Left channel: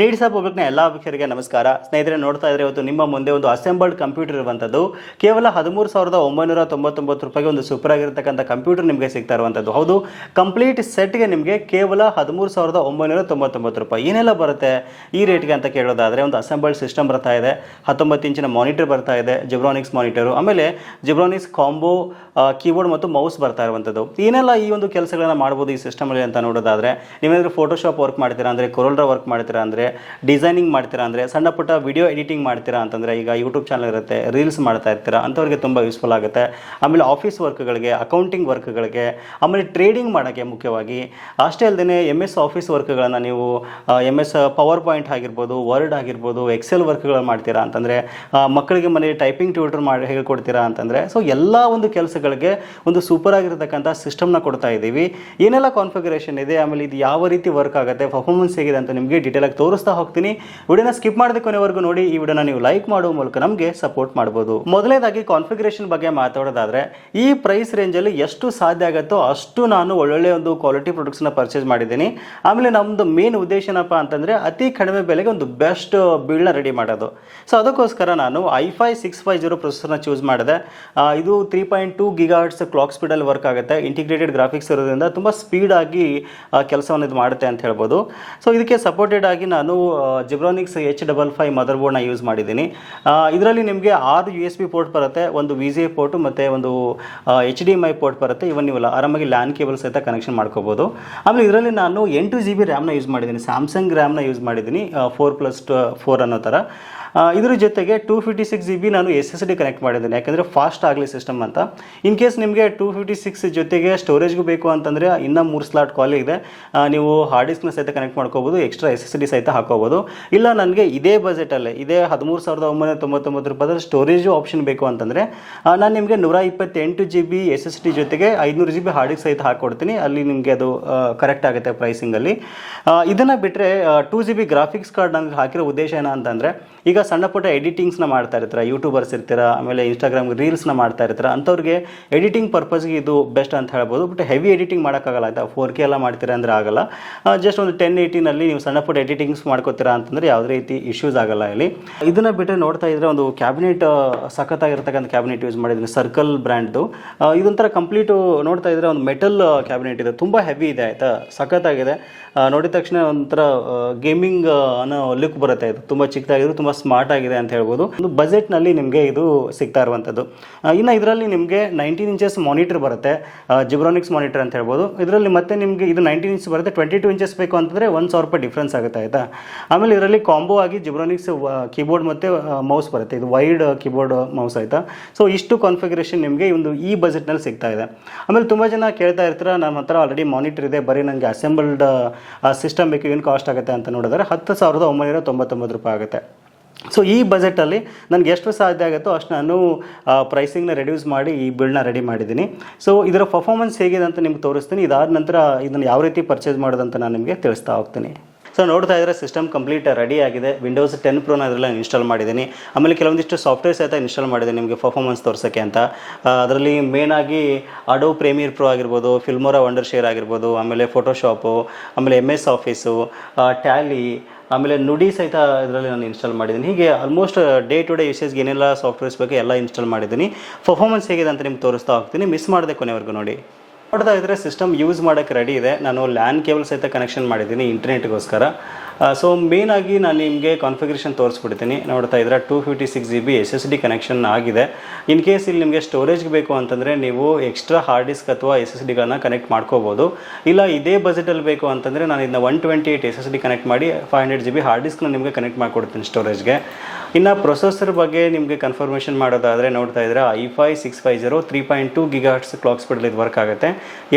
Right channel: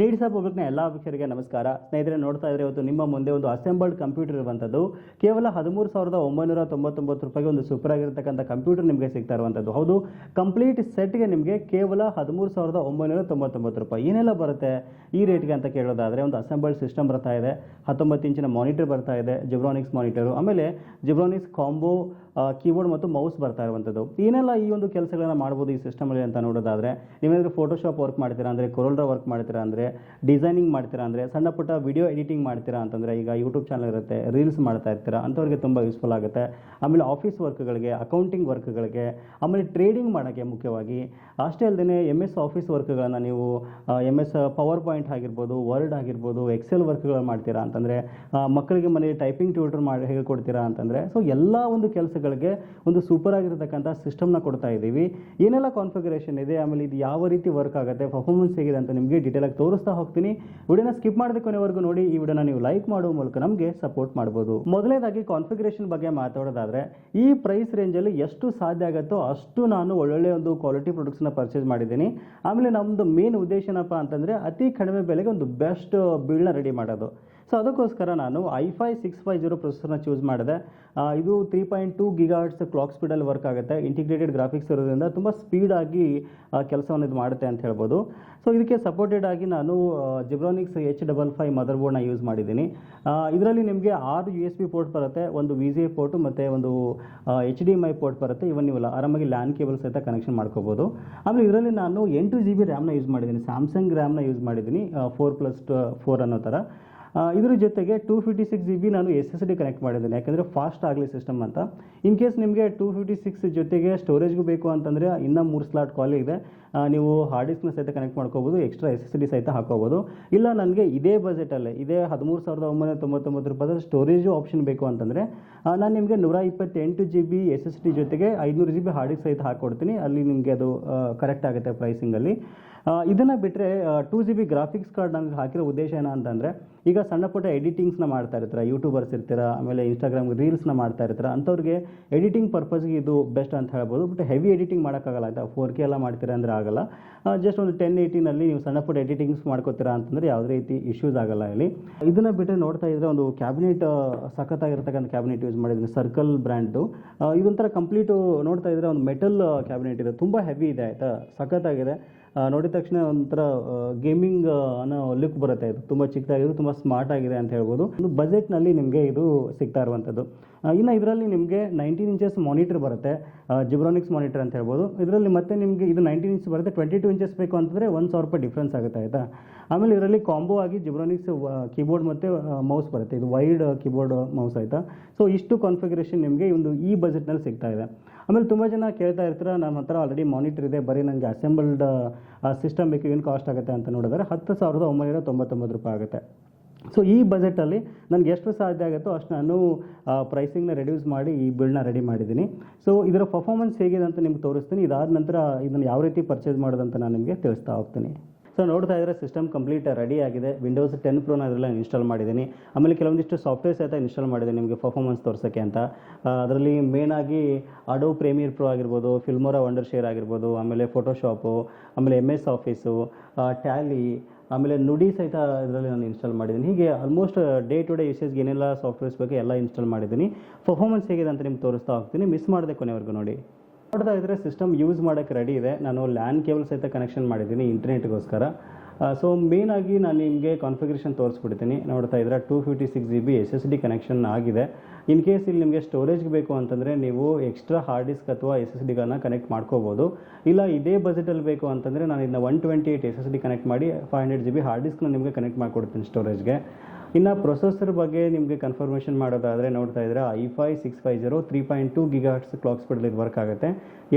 Needs ಪಬ್ಲಿಕ್ನ ಎಲ್ಲ ವೀಕ್ಷಕರಿಗೆ ನಮಸ್ಕಾರ. ಸ್ನೇಹಿತರೆ, ನೋಡ್ತಾ ಇದ್ರೆ ಇವತ್ತು ನಿಮ್ಮ ಮುಂದೆ ಒಂದು ಅಸೆಂಬಲ್ಡ್ ಕಂಪ್ಯೂಟರ್ ಇರುವಂಥದ್ದು ಕೇವಲ ಹದಿಮೂರು ಸಾವಿರದ ಒಂಬೈನೂರ ತೊಂಬತ್ತೊಂಬತ್ತು ರೂಪಾಯಿಗೆ ಒಂದು ಸೂಪರ್ ಆಗಿರತಕ್ಕಂಥ ಕಂಪ್ಯೂಟರ್ ನಿಮಗೆ ಸಿಗ್ತಾ ಇರುವಂಥದ್ದು ಹೌದು, ಕಂಪ್ಲೀಟ್ ಸೆಟ್ಗೆ ನಿಮಗೆ ಕೇವಲ ಹದಿಮೂರು ಸಾವಿರದ ಒಂಬೈನೂರ ತೊಂಬತ್ತೊಂಬತ್ತು ರೂಪಾಯಿ. ಏನೆಲ್ಲ ಬರುತ್ತೆ ಈ ರೇಟ್ಗೆ ಅಂತ ಕೇಳೋದಾದರೆ ಒಂದು ಅಸೆಂಬಲ್ಡ್ ಸಿಸ್ಟಮ್ ಬರ್ತಾ ಇದೆ. ಹತ್ತೊಂಬತ್ತು ಇಂಚಿನ ಮಾನಿಟರ್ ಬರ್ತಾ ಇದೆ, ಜಿಬ್ರಾನಿಕ್ಸ್ ಮಾನಿಟರು. ಆಮೇಲೆ ಜಿಬ್ರಾನಿಕ್ಸ್ ಕಾಂಬೋ ಕೀಬೋರ್ಡ್ ಮತ್ತು ಮೌಸ್ ಬರ್ತಾ ಇರುವಂಥದ್ದು ಏನೆಲ್ಲ ಈ ಒಂದು ಕೆಲಸಗಳನ್ನು ಮಾಡ್ಬೋದು ಈ ಸಿಸ್ಟಮಲ್ಲಿ ಅಂತ ನೋಡೋದಾದರೆ, ನೀವೇನಾದರೂ ಫೋಟೋಶಾಪ್ ವರ್ಕ್ ಮಾಡ್ತೀರಾ ಅಂದರೆ ಕೊರೋಲ್ರ ವರ್ಕ್ ಮಾಡ್ತೀರಾ ಅಂದರೆ ಡಿಸೈನಿಂಗ್ ಮಾಡ್ತೀರಾ ಅಂದರೆ ಸಣ್ಣ ಪುಟ್ಟ ವಿಡಿಯೋ ಎಡಿಟಿಂಗ್ ಮಾಡ್ತೀರಾ ಅಂತಂದರೆ ಈಗ ಯೂಟ್ಯೂಬ್ ಚಾನಲ್ ಇರುತ್ತೆ ರೀಲ್ಸ್ ಮಾಡ್ತಾ ಇರ್ತೀರಾ, ಅಂಥವ್ರಿಗೆ ತುಂಬ ಯೂಸ್ಫುಲ್ ಆಗುತ್ತೆ. ಆಮೇಲೆ ಆಫೀಸ್ ವರ್ಕ್ಗಳಿಗೆ ಅಕೌಂಟಿಂಗ್ ವರ್ಕ್ಗಳಿಗೆ ಆಮೇಲೆ ಟ್ರೇಡಿಂಗ್ ಮಾಡೋಕ್ಕೆ ಮುಖ್ಯವಾಗಿ, ಅಷ್ಟೇ ಅಲ್ಲದೆ ಎಂ ಎಸ್ ಆಫೀಸ್ ವರ್ಕ್ಗಳನ್ನು ನೀವು ಎಂ ಎಸ್ ಪವರ್ ಪಾಯಿಂಟ್ ಆಗಿರ್ಬೋದು ವರ್ಡ್ ಆಗಿರ್ಬೋದು ಎಕ್ಸೆಲ್ ವರ್ಕ್ಗಳು ಮಾಡ್ತೀರಾ ಅಂತಂದರೆ ಮಕ್ಕಳಿಗೆ ಮನೆಯಲ್ಲಿ ಟೈಪಿಂಗ್ ಟ್ಯೂಟರ್ ಮಾಡಿ ಹೇಳ್ಕೊಡ್ತೀರಾ ಅಂತಂದರೆ ಸೊ ಎಲ್ಲ ಒಂದು ಕೆಲಸಗಳಿಗೆ ಒಂದು ಸೂಪರ್ ಆಗಿರತಕ್ಕಂಥ ಸಿಸ್ಟಮ್ನ ಕೊಡ್ತಾ ಇದ್ದೀವಿ ಏನೆಲ್ಲ ಕಾನ್ಫಿಗರೇಷನ್ ಇದೆ, ಆಮೇಲೆ ಇದು ಯಾವ ರೀತಿ ವರ್ಕ್ ಆಗುತ್ತೆ ಪರ್ಫಾರ್ಮೆನ್ಸ್ ಹೇಗಿದೆ ಅಂತ ನಿಮಗೆ ಡೀಟೇಲಾಗಿ ತೋರಿಸ್ತಾ ಹೋಗ್ತೀನಿ. ವಿಡಿಯೋನ ಸ್ಕಿಪ್ ಮಾಡದೆ ಕೊನೆವರೆಗೂ ನೋಡಿ, ಈ ವಿಡಿಯೋನ ನೀವು ಲೈಕ್ ಮಾಡುವ ಮೂಲಕ ನಮಗೆ ಸಪೋರ್ಟ್ ಮಾಡ್ಬೋದು. ಮೊದಲನೇದಾಗಿ ಕಾನ್ಫಿಗರೇಷನ್ ಬಗ್ಗೆ ಮಾತಾಡೋದಾದ್ರೆ, ಈ ಪ್ರೈಸ್ ರೇಂಜಲ್ಲಿ ಎಷ್ಟು ಸಾಧ್ಯ ಆಗುತ್ತೋ ಅಷ್ಟು ನಾನು ಒಳ್ಳೊಳ್ಳೆ ಒಂದು ಕ್ವಾಲಿಟಿ ಪ್ರಾಡಕ್ಟ್ಸ್ನ ಪರ್ಚೇಸ್ ಮಾಡಿದ್ದೀನಿ. ಆಮೇಲೆ ನಮ್ಮದು ಮೇನ್ ಉದ್ದೇಶ ಏನಪ್ಪ ಅಂತಂದರೆ, ಅತಿ ಕಡಿಮೆ ಬೆಲೆಗೆ ಒಂದು ಬೆಸ್ಟ್ ಬಿಲ್ಡ್ನ ರೆಡಿ ಮಾಡೋದು. ಸೊ ಅದಕ್ಕೋಸ್ಕರ ನಾನು i five six five zero ಪ್ರೊಸೆಸರ್ನ choose ಮಾಡಿದೆ. ಇದು three point two gigahertz clock ಸ್ಪೀಡಲ್ಲಿ work ಆಗುತ್ತೆ. ಇಂಟಿಗ್ರೇಟೆಡ್ ಗ್ರಾಫಿಕ್ಸ್ ಇರೋದ್ರಿಂದ ತುಂಬ ಸ್ಪೀಡಾಗಿ ಕೆಲಸವನ್ನು ಇದು ಮಾಡುತ್ತೆ ಅಂತ ಹೇಳ್ಬೋದು. ಸೊ ಇದಕ್ಕೆ ಸಪೋರ್ಟೆಡ್ ಆಗಿ ನಾನು Zebronics H double five mother ಬೋರ್ಡ್ನ ಯೂಸ್ ಮಾಡಿದ್ದೀನಿ. ಇದರಲ್ಲಿ ನಿಮಗೆ ಆರು ಯು ಎಸ್ ಬಿ ಪೋರ್ಟ್ ಬರುತ್ತೆ, ಒಂದು ವಿ ಜಿ ಎ ಪೋರ್ಟು ಮತ್ತು ಒಂದು H D M I port ಬರುತ್ತೆ. ಇವನ್ ನೀವು ಆರಾಮಾಗಿ ಲ್ಯಾನ್ ಕೇಬಲ್ ಸಹಿತ ಕನೆಕ್ಷನ್ ಮಾಡ್ಕೋಬೋದು. ಆಮೇಲೆ ಇದರಲ್ಲಿ ನಾನು ಎಂಟು ಜಿ ಬಿ ರ್ಯಾಮ್ನ ಯೂಸ್ ಮಾಡಿದ್ದೀನಿ. ಸ್ಯಾಮ್ಸಂಗ್ ರ್ಯಾಮ್ನ ಯೂಸ್ ಮಾಡಿದ್ದೀನಿ ಫೋರ್ ಪ್ಲಸ್ ಫೋರ್ ಅನ್ನೋ ಥರ ಇದ್ರ ಜೊತೆಗೆ two fifty six G B ನಾನು ಎಸ್ ಎಸ್ ಡಿ ಕನೆಕ್ಟ್ ಮಾಡಿದ್ದೀನಿ. ಯಾಕಂದರೆ ಫಾಸ್ಟ್ ಆಗಲಿ ಸಿಸ್ಟಮ್ ಅಂತ. ಇನ್ ಕೇಸ್ ನಿಮಗೆ ಟೂ ಫಿಫ್ಟಿ ಸಿಕ್ಸ್ ಜೊತೆಗೆ ಸ್ಟೋರೇಜ್ಗೂ ಬೇಕು ಅಂತಂದರೆ ಇನ್ನೂ ಮೂರು ಸ್ಲಾಟ್ ಕಾಲ್ ಇದೆ. ನೀವು ಹಾರ್ಡ್ ಡಿಸ್ಕ್ನ ಸಹಿತ ಕನೆಕ್ಟ್ ಮಾಡ್ಕೋಬೋದು ಎಕ್ಸ್ಟ್ರಾ ಎಸ್ ಎಸ್ ಡಿ ಸಹಿತ ಹಾಕೋಬೋದು. ಇಲ್ಲ ನನಗೆ ಇದೇ ಬಜೆಟಲ್ಲೇ ಇದೇ ಹದಿಮೂರು ಸಾವಿರದ ಒಂಬೈನೂರ ತೊಂಬತ್ತೊಂಬತ್ತು ರೂಪಾಯಿದಲ್ಲಿ ಸ್ಟೋರೇಜು ಆಪ್ಷನ್ ಬೇಕು ಅಂತಂದರೆ ನಾನು ನಿಮಗೆ ನೂರ ಇಪ್ಪತ್ತೆಂಟು G B S S D ಜೊತೆಗೆ ಐನೂರು ಜಿ ಬಿ ಹಾರ್ಡ್ ಡಿಸ್ಕ್ ಸಹಿತ ಹಾಕ್ಕೊಡ್ತೀನಿ ಅಲ್ಲಿ ನಿಮಗೆ ಅದು ಕರೆಕ್ಟ್ ಆಗುತ್ತೆ ಪ್ರೈಸಿಂಗಲ್ಲಿ ಇದನ್ನು ಬಿಟ್ಟರೆ two G B graphics card ನನಗೆ ಹಾಕಿರೋ ಉದ್ದೇಶ ಏನಂತಂದರೆ, ಈಗ ಸಣ್ಣ ಪುಟ್ಟ ಎಡಿಟಿಂಗ್ಸ್ನ ಮಾಡ್ತಾ ಇರ್ತೀರ ಯೂಟ್ಯೂಬರ್ಸ್ ಇರ್ತೀರ, ಆಮೇಲೆ ಇನ್ಸ್ಟಾಗ್ರಾಮ್ ರೀಲ್ಸ್ನ ಮಾಡ್ತಾ ಇರ್ತಾರೆ, ಅಂಥವ್ರಿಗೆ ಎಡಿಟಿಂಗ್ ಪರ್ಪಸ್ಗೆ ಇದು ಬೆಸ್ಟ್ ಅಂತ ಹೇಳ್ಬೋದು. ಬಟ್ ಹೆವಿ ಎಡಿಟಿಂಗ್ ಮಾಡೋಕ್ಕಾಗಲ್ಲ, ಆಯಿತಾ? ಫೋರ್ ಕೆ ಎಲ್ಲ ಮಾಡ್ತೀರಾ ಅಂದರೆ ಆಗಲ್ಲ. ಜಸ್ಟ್ ಒಂದು ಟೆನ್ ಏಯ್ಟಿನಲ್ಲಿ ನೀವು ಸಣ್ಣ ಪುಟ್ಟ ಎಡಿಟಿಂಗ್ಸ್ ಮಾಡ್ಕೋತೀರಾ ಅಂತಂದರೆ ಯಾವುದೇ ರೀತಿ ಇಶ್ಯೂಸ್ ಆಗಲ್ಲ ಇಲ್ಲಿ. ಇದನ್ನು ಬಿಟ್ಟರೆ ನೋಡ್ತಾ ಇದ್ರೆ ಒಂದು ಕ್ಯಾಬಿನೆಟ್ ಸಖತ್ತಾಗಿರ್ತಕ್ಕಂಥ ಕ್ಯಾಬಿನೆಟ್ ಯೂಸ್ ಮಾಡಿದ್ದೀನಿ ಸರ್ಕಲ್ ಬ್ರ್ಯಾಂಡ್ದು ಇದೊಂಥರ ಕಂಪ್ಲೀಟು ನೋಡ್ತಾ ಇದ್ರೆ ಒಂದು ಮೆಟಲ್ ಕ್ಯಾಬಿನೆಟ್ ಇದೆ. ತುಂಬ ಹೆವಿ ಇದೆ, ಆಯಿತಾ? ಸಖತ್ತಾಗಿದೆ. ನೋಡಿದ ತಕ್ಷಣ ಒಂಥರ ಗೇಮಿಂಗ್ ಅನ್ನೋ ಲುಕ್ ಬರುತ್ತೆ. ಇದು ತುಂಬ ಚಿಕ್ಕದಾಗಿದ್ರು, ತುಂಬ ಸ್ಮಾರ್ಟ್ ಆಗಿದೆ ಅಂತ ಹೇಳ್ಬೋದು. ಒಂದು ಬಜೆಟ್ನಲ್ಲಿ ನಿಮಗೆ ಇದು ಸಿಗ್ತಾ ಇರುವಂಥದ್ದು ಇನ್ನು ಇದರಲ್ಲಿ ನಿಮಗೆ ನೈನ್ಟೀನ್ ಇಂಚಸ್ ಮಾನಿಟರ್ ಬರುತ್ತೆ. ಜಿಬ್ರಾನಿಕ್ಸ್ ಮಾನಿಟರ್ ಅಂತ ಹೇಳ್ಬೋದು. ಇದರಲ್ಲಿ ಮತ್ತೆ ನಿಮಗೆ ಇದು ನೈನ್ಟೀನ್ ಇಂಚ್ ಬರುತ್ತೆ. ಟ್ವೆಂಟಿ ಟು ಇಂಚಸ್ ಬೇಕು ಅಂತಂದರೆ ಒಂದು ಸಾವಿರ ರೂಪಾಯಿ ಡಿಫ್ರೆನ್ಸ್ ಆಗುತ್ತೆ, ಆಯಿತಾ? ಆಮೇಲೆ ಇದರಲ್ಲಿ ಕಾಂಬೋ ಆಗಿ ಜಿಬ್ರಾನಿಕ್ಸ್ ಕೀಬೋರ್ಡ್ ಮತ್ತು ಮೌಸ್ ಬರುತ್ತೆ. ಇದು ವೈಡ್ ಕೀಬೋರ್ಡ್ ಮೌಸ್ ಆಯಿತಾ? ಸೊ ಇಷ್ಟು ಕಾನ್ಫಿಗರೇಷನ್ ನಿಮಗೆ ಒಂದು ಈ ಬಜೆಟ್ನಲ್ಲಿ ಸಿಗ್ತಾ ಇದೆ. ಆಮೇಲೆ ತುಂಬ ಜನ ಕೇಳ್ತಾ ಇರ್ತೀರ ನಮ್ಮ ಹತ್ರ ಆಲ್ರೆಡಿ ಮಾನಿಟರ್ ಇದೆ. ಬರೀ ನನಗೆ ಅಸೆಂಬಲ್ಡ್ ಸಿಸ್ಟಮ್ ಬೇಕು. ಏನು ಕಾಸ್ಟ್ ಆಗುತ್ತೆ? ಅಂತ ನೋಡಿದ್ರೆ ಹತ್ತು ಸಾವಿರದ ಒಂಬೈನೂರ ತೊಂಬತ್ತೊಂಬತ್ತು ರೂಪಾಯಿ ಆಗುತ್ತೆ. ಸೊ ಈ ಬಜೆಟಲ್ಲಿ ನನಗೆ ಎಷ್ಟು ಸಾಧ್ಯ ಆಗುತ್ತೋ ಅಷ್ಟು ನಾನು ಪ್ರೈಸಿಂಗ್ನ ರೆಡ್ಯೂಸ್ ಮಾಡಿ ಈ ಬಿಲ್ನ ರೆಡಿ ಮಾಡಿದ್ದೀನಿ. ಸೊ ಇದರ ಪರ್ಫಾರ್ಮೆನ್ಸ್ ಹೇಗಿದೆ ಅಂತ ನಿಮ್ಗೆ ತೋರಿಸ್ತೀನಿ. ಇದಾದ ನಂತರ ಇದನ್ನು ಯಾವ ರೀತಿ ಪರ್ಚೇಸ್ ಮಾಡೋದಂತ ನಾನು ನಿಮಗೆ ತಿಳಿಸ್ತಾ ಹೋಗ್ತೀನಿ. ಸೊ ನೋಡ್ತಾ ಇದ್ರೆ ಸಿಸ್ಟಮ್ ಕಂಪ್ಲೀಟ್ ರೆಡಿ ಆಗಿದೆ. ವಿಂಡೋಸ್ ಟೆನ್ ಪ್ರೋನ ಅದರಲ್ಲಿ ಇನ್ಸ್ಟಾಲ್ ಮಾಡಿದ್ದೀನಿ. ಆಮೇಲೆ ಕೆಲವೊಂದಿಷ್ಟು ಸಾಫ್ಟ್ವೇರ್ ಸಹಿತ ಇನ್ಸ್ಟಾಲ್ ಮಾಡಿದ್ದೀನಿ ನಿಮಗೆ ಪರ್ಫಾರ್ಮೆನ್ಸ್ ತೋರಿಸೋಕ್ಕೆ ಅಂತ. ಅದರಲ್ಲಿ ಮೇನಾಗಿ ಅಡೋ ಪ್ರೇಮಿಯರ್ ಪ್ರೋ ಆಗಿರ್ಬೋದು ಫಿಲ್ಮೋರಾ ವಂಡರ್ ಶೇರ್ ಆಗಿರ್ಬೋದು, ಆಮೇಲೆ ಫೋಟೋಶಾಪು ಆಮೇಲೆ ಎಂ ಎಸ್ ಆಫೀಸು ಟ್ಯಾಲಿ ಆಮೇಲೆ ನುಡಿ ಸಹಿತ ಇದರಲ್ಲಿ ನಾನು ಇನ್ಸ್ಟಾಲ್ ಮಾಡಿದ್ದೀನಿ. ಹೀಗೆ ಆಲ್ಮೋಸ್ಟ್ ಡೇ ಟು ಡೇ ಯೂಸೇಜ್ಗೆ ಏನೆಲ್ಲ ಸಾಫ್ಟ್ವೇರ್ಸ್ ಬೇಕು ಎಲ್ಲ ಇನ್ಸ್ಟಾಲ್ ಮಾಡಿದ್ದೀನಿ. ಪರ್ಫಾರ್ಮೆನ್ಸ್ ಹೇಗಿದೆ ಅಂತ ನಿಮ್ಗೆ ತೋರಿಸ್ತಾ ಹೋಗ್ತೀನಿ. ಮಿಸ್ ಮಾಡದೆ ಕೊನೆವರೆಗೂ ನೋಡಿ. ನೋಡ್ತಾ ಇದ್ದರೆ ಸಿಸ್ಟಮ್ ಯೂಸ್ ಮಾಡೋಕ್ಕೆ ರೆಡಿ ಇದೆ. ನಾನು ಲ್ಯಾನ್ ಕೇಬಲ್ ಸಹಿತ ಕನೆಕ್ಷನ್ ಮಾಡಿದ್ದೀನಿ ಇಂಟರ್ನೆಟ್ಗೋಸ್ಕರ ಸೊ ಆಗಿ ನಾನು ನಿಮಗೆ ಕಾನ್ಫಿಗರೇಷನ್ ತೋರಿಸ್ಬಿಡ್ತೀನಿ. ನೋಡ್ತಾ ಇದ್ರೆ two fifty six G B S S D connection ಆಗಿದೆ. ಇನ್ ಕೇಸ್ ಇಲ್ಲಿ ನಿಮಗೆ ಸ್ಟೋರೇಜ್ಗೆ ಬೇಕು ಅಂತಂದರೆ ನೀವು ಎಕ್ಸ್ಟ್ರಾ ಹಾರ್ಡ್ ಡಿಸ್ಕ್ ಅಥವಾ ಎಸ್ ಎಸ್ ಡಿಗಳನ್ನ ಕನೆಕ್ಟ್ ಮಾಡ್ಕೋಬೋದು. ಇಲ್ಲ, ಇದೇ ಬಜೆಟಲ್ಲಿ ಬೇಕು ಅಂತಂದರೆ ನಾನು ಇದನ್ನ one twenty eight S S D connect ಮಾಡಿ five hundred G B hard ಡಿಸ್ಕ್ನ ನಿಮಗೆ ಕನೆಕ್ಟ್ ಮಾಡಿಕೊಡ್ತೀನಿ ಸ್ಟೋರೇಜ್ಗೆ ಇನ್ನು ಪ್ರೊಸೆಸರ್ ಬಗ್ಗೆ ನಿಮಗೆ ಕನ್ಫರ್ಮೇಷನ್ ಮಾಡೋದಾದರೆ ನೋಡ್ತಾ ಇದ್ರೆ i five six five zero three point two gigahertz clock ಸ್ಪೀಡಲ್ಲಿ ಇದು ವರ್ಕ್ ಆಗುತ್ತೆ.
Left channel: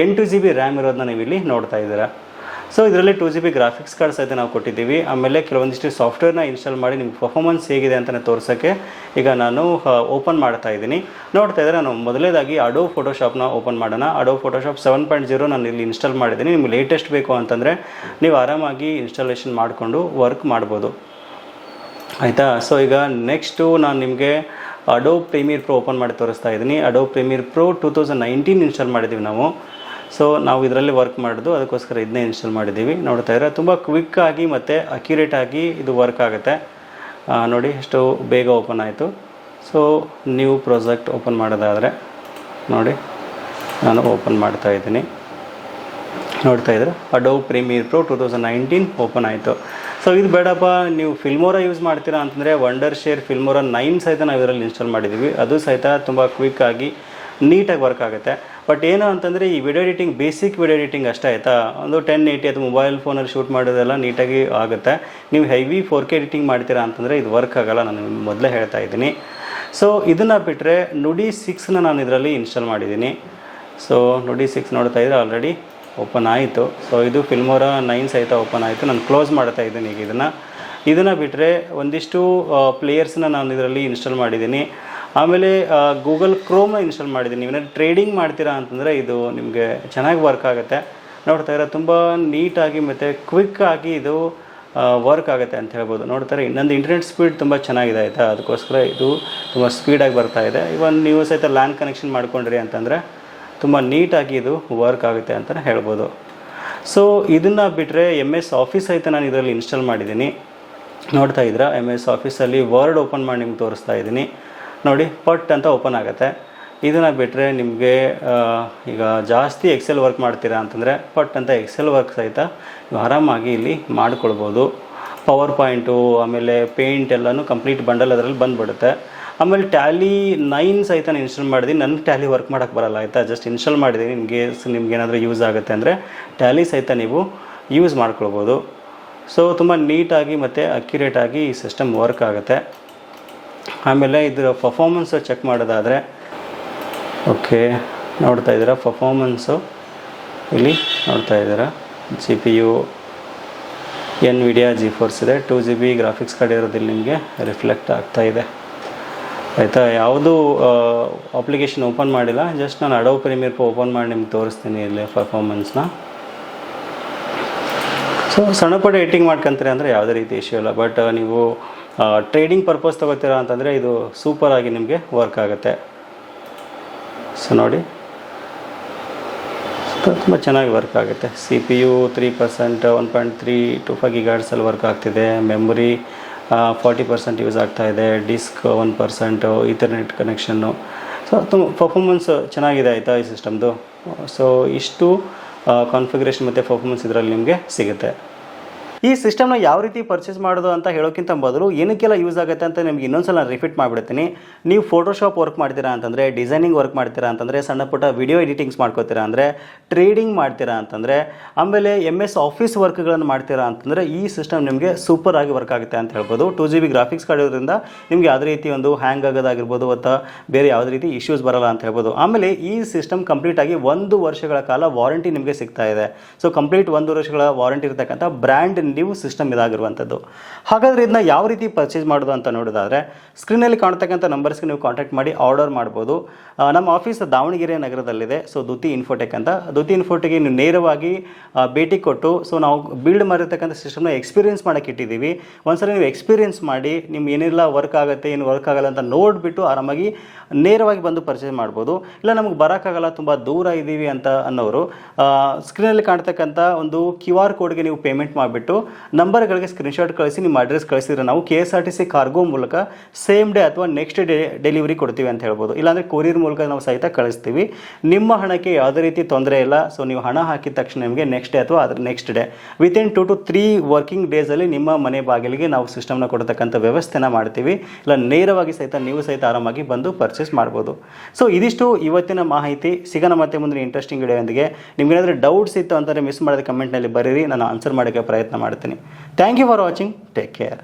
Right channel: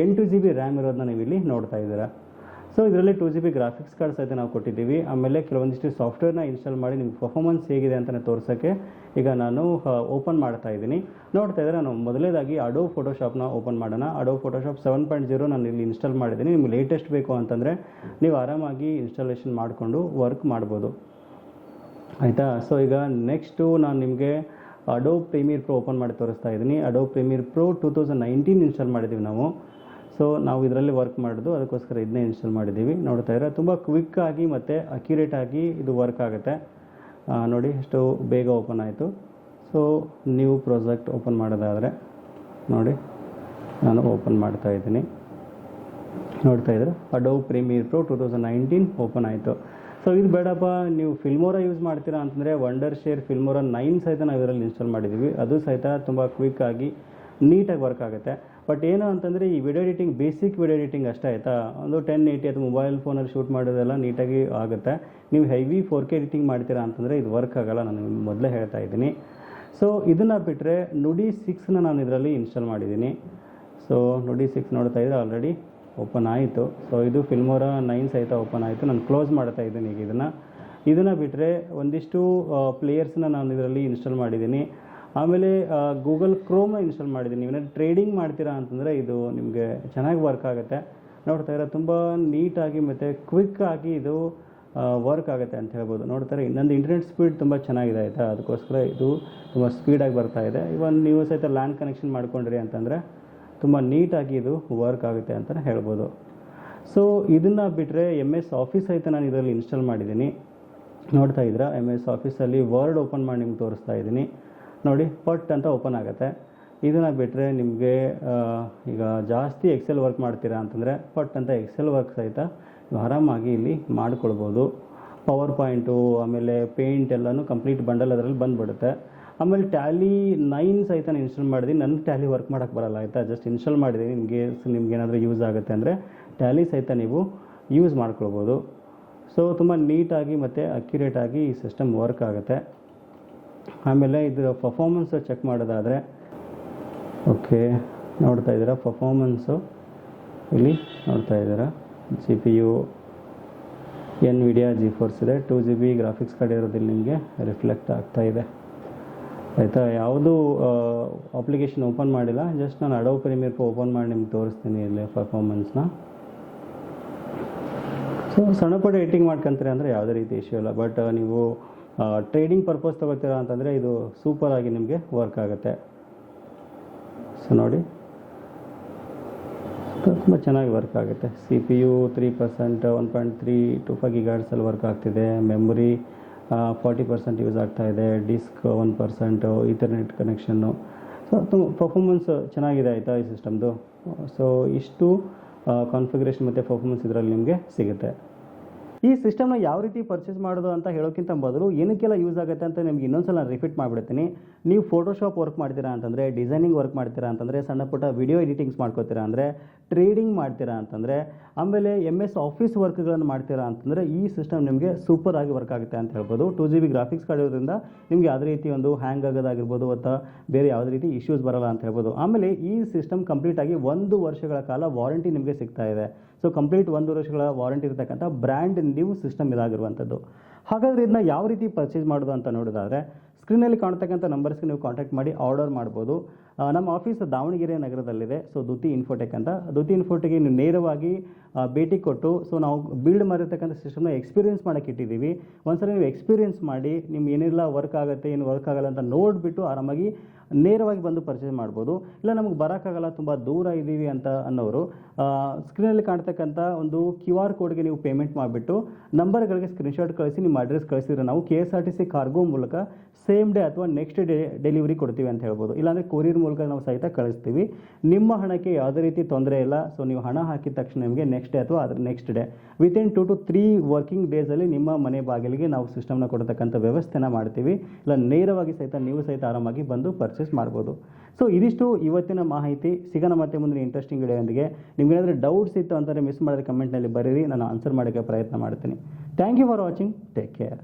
ಎಂಟು ಜಿ ಬಿ ರ್ಯಾಮ್ ಇರೋದನ್ನ ನೀವು ಇಲ್ಲಿ ನೋಡ್ತಾ ಇದ್ದೀರಾ. ಸೊ ಇದರಲ್ಲಿ two G B graphics card ಸಹಿತ ನಾವು ಕೊಟ್ಟಿದ್ದೀವಿ. ಆಮೇಲೆ ಕೆಲವೊಂದಿಷ್ಟು ಸಾಫ್ಟ್ವೇರ್ನ ಇನ್ಸ್ಟಾಲ್ ಮಾಡಿ ನಿಮ್ಗೆ ಪರ್ಫಾಮೆನ್ಸ್ ಹೇಗಿದೆ ಅಂತ ತೋರಿಸೋಕ್ಕೆ ಈಗ ನಾನು ಓಪನ್ ಮಾಡ್ತಾ ಇದ್ದೀನಿ. ನೋಡ್ತಾ ಇದ್ದರೆ ನಾನು ಮೊದಲೇದಾಗಿ ಅಡೋ ಫೋಟೋಶಾಪ್ನ ಓಪನ್ ಮಾಡೋಣ. Adobe Photoshop seven point zero ನಾನು ಇಲ್ಲಿ ಇನ್ಸ್ಟಾಲ್ ಮಾಡಿದ್ದೀನಿ. ನಿಮ್ಗೆ ಲೇಟೆಸ್ಟ್ ಬೇಕು ಅಂತಂದರೆ ನೀವು ಆರಾಮಾಗಿ ಇನ್ಸ್ಟಾಲೇಷನ್ ಮಾಡಿಕೊಂಡು ವರ್ಕ್ ಮಾಡ್ಬೋದು. ಆಯಿತಾ? ಸೊ ಈಗ ನೆಕ್ಸ್ಟು ನಾನು ನಿಮಗೆ ಅಡೋ ಪ್ರೀಮಿಯರ್ ಪ್ರೋ ಓಪನ್ ಮಾಡಿ ತೋರಿಸ್ತಾ ಇದ್ದೀನಿ. Adobe Premiere Pro two thousand nineteen install ಮಾಡಿದ್ದೀವಿ ನಾವು. ಸೊ ನಾವು ಇದರಲ್ಲಿ ವರ್ಕ್ ಮಾಡೋದು, ಅದಕ್ಕೋಸ್ಕರ ಇದನ್ನೇ ಇನ್ಸ್ಟಾಲ್ ಮಾಡಿದ್ದೀವಿ ನೋಡ್ತಾ ಇದ್ರೆ ತುಂಬ ಕ್ವಿಕ್ಕಾಗಿ ಮತ್ತು ಅಕ್ಯುರೇಟಾಗಿ ಇದು ವರ್ಕ್ ಆಗುತ್ತೆ. ನೋಡಿ ಎಷ್ಟು ಬೇಗ ಓಪನ್ ಆಯಿತು. ಸೊ ನ್ಯೂ ಪ್ರಾಜೆಕ್ಟ್ ಓಪನ್ ಮಾಡೋದಾದರೆ, ನೋಡಿ, ನಾನು ಓಪನ್ ಮಾಡ್ತಾ ಇದ್ದೀನಿ. ನೋಡ್ತಾ ಇದ್ರೆ Adobe Premiere Pro two thousand nineteen open ಆಯಿತು. ಸೊ ಇದು ಬೇಡಪ್ಪ, ನೀವು ಫಿಲ್ಮೋರ ಯೂಸ್ ಮಾಡ್ತೀರಾ ಅಂತಂದರೆ ವಂಡರ್ ಶೇರ್ ಫಿಲ್ಮೋರ ನೈನ್ ಸಹಿತ ನಾವು ಇದರಲ್ಲಿ ಇನ್ಸ್ಟಾಲ್ ಮಾಡಿದ್ದೀವಿ ಅದು ಸಹಿತ ತುಂಬ ಕ್ವಿಕ್ಕಾಗಿ ನೀಟಾಗಿ ವರ್ಕ್ ಆಗುತ್ತೆ. ಬಟ್ ಏನು ಅಂತಂದರೆ ಈ video editing basic video editing ಅಷ್ಟೇ ಆಯಿತಾ? ಒಂದು ಟೆನ್ ಏಯ್ಟಿ ಅಥವಾ ಮೊಬೈಲ್ ಫೋನಲ್ಲಿ ಶೂಟ್ ಮಾಡೋದೆಲ್ಲ ನೀಟಾಗಿ ಆಗುತ್ತೆ. ನೀವು ಹೆವಿ ಫೋರ್ ಕೆ ಎಡಿಟಿಂಗ್ ಮಾಡ್ತೀರಾ ಅಂತಂದರೆ ಇದು ವರ್ಕ್ ಆಗೋಲ್ಲ, ನಾನು ಮೊದಲೇ ಹೇಳ್ತಾ ಇದ್ದೀನಿ. ಸೊ ಇದನ್ನು ಬಿಟ್ಟರೆ ನುಡಿ ಸಿಕ್ಸ್ನ ನಾನು ಇದರಲ್ಲಿ ಇನ್ಸ್ಟಾಲ್ ಮಾಡಿದ್ದೀನಿ. ಸೊ ನುಡಿ ಸಿಕ್ಸ್ ನೋಡ್ತಾ ಇದ್ದರೆ ಆಲ್ರೆಡಿ ಓಪನ್ ಆಯಿತು. ಸೊ ಇದು ಫಿಲ್ಮೋರ ನೈನ್ ಸಹಿತ ಓಪನ್ ಆಯಿತು. ನಾನು ಕ್ಲೋಸ್ ಮಾಡ್ತಾ ಇದ್ದೀನಿ ಈಗ ಇದನ್ನು. ಇದನ್ನು ಬಿಟ್ಟರೆ ಒಂದಿಷ್ಟು ಪ್ಲೇಯರ್ಸ್ನ ನಾನು ಇದರಲ್ಲಿ ಇನ್ಸ್ಟಾಲ್ ಮಾಡಿದ್ದೀನಿ. ಆಮೇಲೆ ಗೂಗಲ್ ಕ್ರೋಮ್ನ ಇನ್ಸ್ಟಾಲ್ ಮಾಡಿದ್ದೀನಿ. ನೀವೇನಾದ್ರು ಟ್ರೇಡಿಂಗ್ ಮಾಡ್ತೀರಾ ಅಂತಂದರೆ ಇದು ನಿಮಗೆ ಚೆನ್ನಾಗಿ ವರ್ಕ್ ಆಗುತ್ತೆ. ನೋಡ್ತಾ ಇರೋ ತುಂಬ ನೀಟಾಗಿ ಮತ್ತು ಕ್ವಿಕ್ಕಾಗಿ ಇದು ವರ್ಕ್ ಆಗುತ್ತೆ ಅಂತ ಹೇಳ್ಬೋದು. ನೋಡ್ತಾರೆ ಇನ್ನೊಂದು ಇಂಟರ್ನೆಟ್ ಸ್ಪೀಡ್ ತುಂಬ ಚೆನ್ನಾಗಿದೆ ಆಯಿತಾ? ಅದಕ್ಕೋಸ್ಕರ ಇದು ತುಂಬ ಸ್ಪೀಡಾಗಿ ಬರ್ತಾ ಇದೆ. ಇವನ್ ನೀವು ಸಹಿತ ಲ್ಯಾನ್ ಕನೆಕ್ಷನ್ ಮಾಡ್ಕೊಂಡ್ರಿ ಅಂತಂದರೆ ತುಂಬ ನೀಟಾಗಿ ಇದು ವರ್ಕ್ ಆಗುತ್ತೆ ಅಂತಲೇ ಹೇಳ್ಬೋದು. ಸೊ ಇದನ್ನು ಬಿಟ್ಟರೆ ಎಂ ಎಸ್ ಆಫೀಸ್ ಸಹಿತ ನಾನು ಇದರಲ್ಲಿ ಇನ್ಸ್ಟಾಲ್ ಮಾಡಿದ್ದೀನಿ. ನೋಡ್ತಾ ಇದ್ದೀರಾ ಎಂ ಎಸ್ ಆಫೀಸಲ್ಲಿ ವರ್ಡ್ ಓಪನ್ ಮಾಡಿ ನಿಮ್ಗೆ ತೋರಿಸ್ತಾ ಇದ್ದೀನಿ. ನೋಡಿ, ಪಟ್ ಅಂತ ಓಪನ್ ಆಗುತ್ತೆ. ಇದನ್ನು ಬಿಟ್ಟರೆ ನಿಮಗೆ ಈಗ ಜಾಸ್ತಿ ಎಕ್ಸೆಲ್ ವರ್ಕ್ ಮಾಡ್ತೀರಾ ಅಂತಂದರೆ ಪಟ್ ಅಂತ ಎಕ್ಸೆಲ್ ವರ್ಕ್ ಸಹಿತ ನೀವು ಆರಾಮಾಗಿ ಇಲ್ಲಿ ಮಾಡ್ಕೊಳ್ಬೋದು. ಪವರ್ ಪಾಯಿಂಟು ಆಮೇಲೆ ಪೇಂಟ್ ಎಲ್ಲನೂ ಕಂಪ್ಲೀಟ್ ಬಂಡಲ್ ಅದರಲ್ಲಿ ಬಂದುಬಿಡುತ್ತೆ. ಆಮೇಲೆ ಟ್ಯಾಲಿ ನೈನ್ ಸಹಿತ ನಾನು ಇನ್ಸ್ಟಾಲ್ ಮಾಡಿದ್ದೀನಿ ನನಗೆ ಟ್ಯಾಲಿ ವರ್ಕ್ ಮಾಡೋಕ್ಕೆ ಬರಲ್ಲ, ಆಯಿತಾ? ಜಸ್ಟ್ ಇನ್ಸ್ಟಾಲ್ ಮಾಡಿದ್ದೀನಿ ನಿಮಗೆ ನಿಮ್ಗೆ ಏನಾದರೂ ಯೂಸ್ ಆಗುತ್ತೆ ಅಂದರೆ ಟ್ಯಾಲಿ ಸಹಿತ ನೀವು ಯೂಸ್ ಮಾಡ್ಕೊಳ್ಬೋದು. ಸೊ ತುಂಬ ನೀಟಾಗಿ ಮತ್ತು ಅಕ್ಯುರೇಟಾಗಿ ಈ ಸಿಸ್ಟಮ್ ವರ್ಕ್ ಆಗುತ್ತೆ. ಆಮೇಲೆ ಇದರ ಪರ್ಫಾಮೆನ್ಸು ಚೆಕ್ ಮಾಡೋದಾದರೆ ಓಕೆ ನೋಡ್ತಾ ಇದ್ದೀರಾ ಪರ್ಫಾರ್ಮೆನ್ಸು ಇಲ್ಲಿ ನೋಡ್ತಾ ಇದ್ದೀರಾ? G P U Nvidia GeForce ಇದೆ. Two G B graphics card ಇರೋದಿಲ್ಲ ನಿಮಗೆ ರಿಫ್ಲೆಕ್ಟ್ ಆಗ್ತಾ ಇದೆ. ಆಯಿತಾ? ಯಾವುದೂ ಅಪ್ಲಿಕೇಶನ್ ಓಪನ್ ಮಾಡಿಲ್ಲ. ಜಸ್ಟ್ ನಾನು ಅಡೋ ಪ್ರೀಮಿಯರ್ ಓಪನ್ ಮಾಡಿ ನಿಮ್ಗೆ ತೋರಿಸ್ತೀನಿ ಇಲ್ಲಿ ಪರ್ಫಾಮೆನ್ಸ್ನ ಸೊ ಸಣ್ಣ ಪುಟ್ಟ ಎಡಿಟಿಂಗ್ ಮಾಡ್ಕೊಂತೀರಿ ಅಂದರೆ ಯಾವುದೇ ರೀತಿ ಇಶ್ಯೂ ಇಲ್ಲ. ಬಟ್ ನೀವು ಟ್ರೇಡಿಂಗ್ ಪರ್ಪಸ್ ತೊಗೋತೀರಾ ಅಂತಂದರೆ ಇದು ಸೂಪರಾಗಿ ನಿಮಗೆ ವರ್ಕ್ ಆಗುತ್ತೆ. ಸೊ ನೋಡಿ. ತುಂಬ ಚೆನ್ನಾಗಿ ವರ್ಕ್ ಆಗುತ್ತೆ. C P U three percent one point three two five ಗಿಗಾಡ್ಸಲ್ಲಿ work ಆಗ್ತಿದೆ. ಮೆಮೊರಿ ಫಾರ್ಟಿ ಪರ್ಸೆಂಟ್ ಯೂಸ್ ಆಗ್ತಾ ಇದೆ. ಡಿಸ್ಕ್ ಒನ್ ಪರ್ಸೆಂಟು ಇಂಟರ್ನೆಟ್ ಕನೆಕ್ಷನ್ನು ಸೊ ತುಂಬ ಪರ್ಫಾರ್ಮೆನ್ಸ್ ಚೆನ್ನಾಗಿದೆ ಆಯಿತಾ ಈ ಸಿಸ್ಟಮ್ದು ಸೊ ಇಷ್ಟು ಕಾನ್ಫಿಗರೇಷನ್ ಮತ್ತು ಪರ್ಫಾರ್ಮೆನ್ಸ್ ಇದರಲ್ಲಿ ನಿಮಗೆ ಸಿಗುತ್ತೆ. ಈ ಸಿಸ್ಟಮ್ನ ಯಾವ ರೀತಿ ಪರ್ಚೇಸ್ ಮಾಡೋದು ಅಂತ ಹೇಳೋಕ್ಕಿಂತ ಬದಲು ಏನಕ್ಕೆಲ್ಲ ಯೂಸ್ ಆಗುತ್ತೆ ಅಂತ ನಿಮಗೆ ಇನ್ನೊಂದ್ಸಲ ರಿಪೀಟ್ ಮಾಡಿಬಿಡ್ತೀನಿ. ನೀವು ಫೋಟೋಶಾಪ್ ವರ್ಕ್ ಮಾಡ್ತೀರಾ ಅಂತಂದರೆ ಡಿಸೈನಿಂಗ್ ವರ್ಕ್ ಮಾಡ್ತೀರಾ ಅಂತಂದರೆ, ಸಣ್ಣ ಪುಟ್ಟ ವಿಡಿಯೋ ಎಡಿಟಿಂಗ್ಸ್ ಮಾಡ್ಕೋತೀರಾ ಅಂದರೆ ಟ್ರೇಡಿಂಗ್ ಮಾಡ್ತೀರಾ ಅಂತಂದರೆ, ಆಮೇಲೆ ಎಂ ಎಸ್ ಆಫೀಸ್ ವರ್ಕ್ಗಳನ್ನು ಮಾಡ್ತೀರಾ ಅಂತಂದರೆ ಈ ಸಿಸ್ಟಮ್ ನಿಮಗೆ ಸೂಪರ್ ಆಗಿ ವರ್ಕ್ ಆಗುತ್ತೆ ಅಂತ ಹೇಳ್ಬೋದು. Two G B graphics card ಇರೋದ್ರಿಂದ ನಿಮಗೆ ಯಾವುದೇ ರೀತಿ ಒಂದು ಹ್ಯಾಂಗ್ ಆಗೋದಾಗಿರ್ಬೋದು ಅಥವಾ ಬೇರೆ ಯಾವುದೇ ರೀತಿ ಇಶ್ಯೂಸ್ ಬರಲ್ಲ ಅಂತ ಹೇಳ್ಬೋದು. ಆಮೇಲೆ ಈ ಸಿಸ್ಟಮ್ ಕಂಪ್ಲೀಟ್ ಆಗಿ ಒಂದು ವರ್ಷಗಳ ಕಾಲ ವಾರಂಟಿ ನಿಮಗೆ ಸಿಗ್ತಾ ಇದೆ. ಸೊ ಕಂಪ್ಲೀಟ್ ಒಂದು ವರ್ಷಗಳ ವಾರಂಟಿ ಇರತಕ್ಕಂಥ ಬ್ರ್ಯಾಂಡ್ ನ್ಯೂ ಸಿಸ್ಟಮ್ ಇದಾಗಿರುವಂಥದ್ದು. ಹಾಗಾದರೆ ಇದನ್ನ ಯಾವ ರೀತಿ ಪರ್ಚೇಸ್ ಮಾಡೋದು ಅಂತ ನೋಡೋದಾದರೆ ಸ್ಕ್ರೀನಲ್ಲಿ ಕಾಣ್ತಕ್ಕಂಥ ನಂಬರ್ಸ್ಗೆ ನೀವು ಕಾಂಟ್ಯಾಕ್ಟ್ ಮಾಡಿ ಆರ್ಡರ್ ಮಾಡ್ಬೋದು. ನಮ್ಮ ಆಫೀಸ್ ದಾವಣಗೆರೆ ನಗರದಲ್ಲಿದೆ ಸೊ ದುತಿ ಇನ್ಫೋಟೆಕ್ ಅಂತ. ದುತಿ ಇನ್ಫೋಟೆಕ್ಗೆ ನೀವು ನೇರವಾಗಿ ಭೇಟಿ ಕೊಟ್ಟು ಸೊ ನಾವು ಬಿಲ್ಡ್ ಮಾಡಿರ್ತಕ್ಕಂಥ ಸಿಸ್ಟಮ್ನ ಎಕ್ಸ್ಪೀರಿಯನ್ಸ್ ಮಾಡೋಕ್ಕೆ ಇಟ್ಟಿದ್ದೀವಿ. ಒಂದ್ಸಲ ನೀವು ಎಕ್ಸ್ಪೀರಿಯನ್ಸ್ ಮಾಡಿ ನಿಮ್ಗೆ ಏನೆಲ್ಲ ವರ್ಕ್ ಆಗುತ್ತೆ, ಏನು ವರ್ಕ್ ಆಗಲ್ಲ ಅಂತ ನೋಡಿಬಿಟ್ಟು ಆರಾಮಾಗಿ ನೇರವಾಗಿ ಬಂದು ಪರ್ಚೇಸ್ ಮಾಡ್ಬೋದು. ಇಲ್ಲ ನಮಗೆ ಬರೋಕ್ಕಾಗಲ್ಲ ತುಂಬ ದೂರ ಇದ್ದೀವಿ ಅಂತ ಅನ್ನೋರು ಸ್ಕ್ರೀನಲ್ಲಿ ಕಾಣ್ತಕ್ಕಂಥ ಒಂದು ಕ್ಯೂ ಆರ್ ಕೋಡ್ಗೆ ನೀವು ಪೇಮೆಂಟ್ ಮಾಡಿಬಿಟ್ಟು ನಂಬರ್ಗಳಿಗೆ ಸ್ಕ್ರೀನ್ಶಾಟ್ ಕಳಿಸಿ, ನಿಮ್ಮ ಅಡ್ರೆಸ್ ಕಳಿಸಿದ್ರೆ ನಾವು K S R T C cargo ಮೂಲಕ ಸೇಮ್ ಡೇ ಅಥವಾ ನೆಕ್ಸ್ಟ್ ಡೇ ಡೆಲಿವರಿ ಕೊಡ್ತೀವಿ ಅಂತ ಹೇಳ್ಬೋದು. ಇಲ್ಲಾಂದರೆ ಕೊರಿಯರ್ ಮೂಲಕ ನಾವು ಸಹಿತ ಕಳಿಸ್ತೀವಿ. ನಿಮ್ಮ ಹಣಕ್ಕೆ ಯಾವುದೇ ರೀತಿ ತೊಂದರೆ ಇಲ್ಲ. ಸೊ ನೀವು ಹಣ ಹಾಕಿದ ತಕ್ಷಣ ನಿಮಗೆ ನೆಕ್ಸ್ಟ್ ಡೇ ಅಥವಾ ಅದ್ರ next day within two two three working ಡೇಸಲ್ಲಿ ನಿಮ್ಮ ಮನೆ ಬಾಗಿಲಿಗೆ ನಾವು ಸಿಸ್ಟಮ್ನ ಕೊಡ್ತಕ್ಕಂಥ ವ್ಯವಸ್ಥೆನ ಮಾಡ್ತೀವಿ. ಇಲ್ಲ, ನೇರವಾಗಿ ಸಹಿತ ನೀವು ಸಹಿತ ಆರಾಮಾಗಿ ಬಂದು ಪರ್ಚೇಸ್ ಮಾಡ್ಬೋದು. ಸೊ ಇದಿಷ್ಟು ಇವತ್ತಿನ ಮಾಹಿತಿ. ಸಿಗೋಣ ಮತ್ತೆ ಮುಂದಿನ ಇಂಟ್ರೆಸ್ಟಿಂಗ್ ವಿಡಿಯೋದೊಂದಿಗೆ ನಿಮ್ಗೇನಾದರೂ ಡೌಟ್ಸ್ ಇತ್ತು ಅಂತಂದರೆ ಮಿಸ್ ಮಾಡಿದ ಕಮೆಂಟ್ನಲ್ಲಿ ಬರೀರಿ. ನಾನು ಆನ್ಸರ್ ಮಾಡೋಕ್ಕೆ ಪ್ರಯತ್ನ ಮಾಡ್ತೀನಿ thank you for watching take care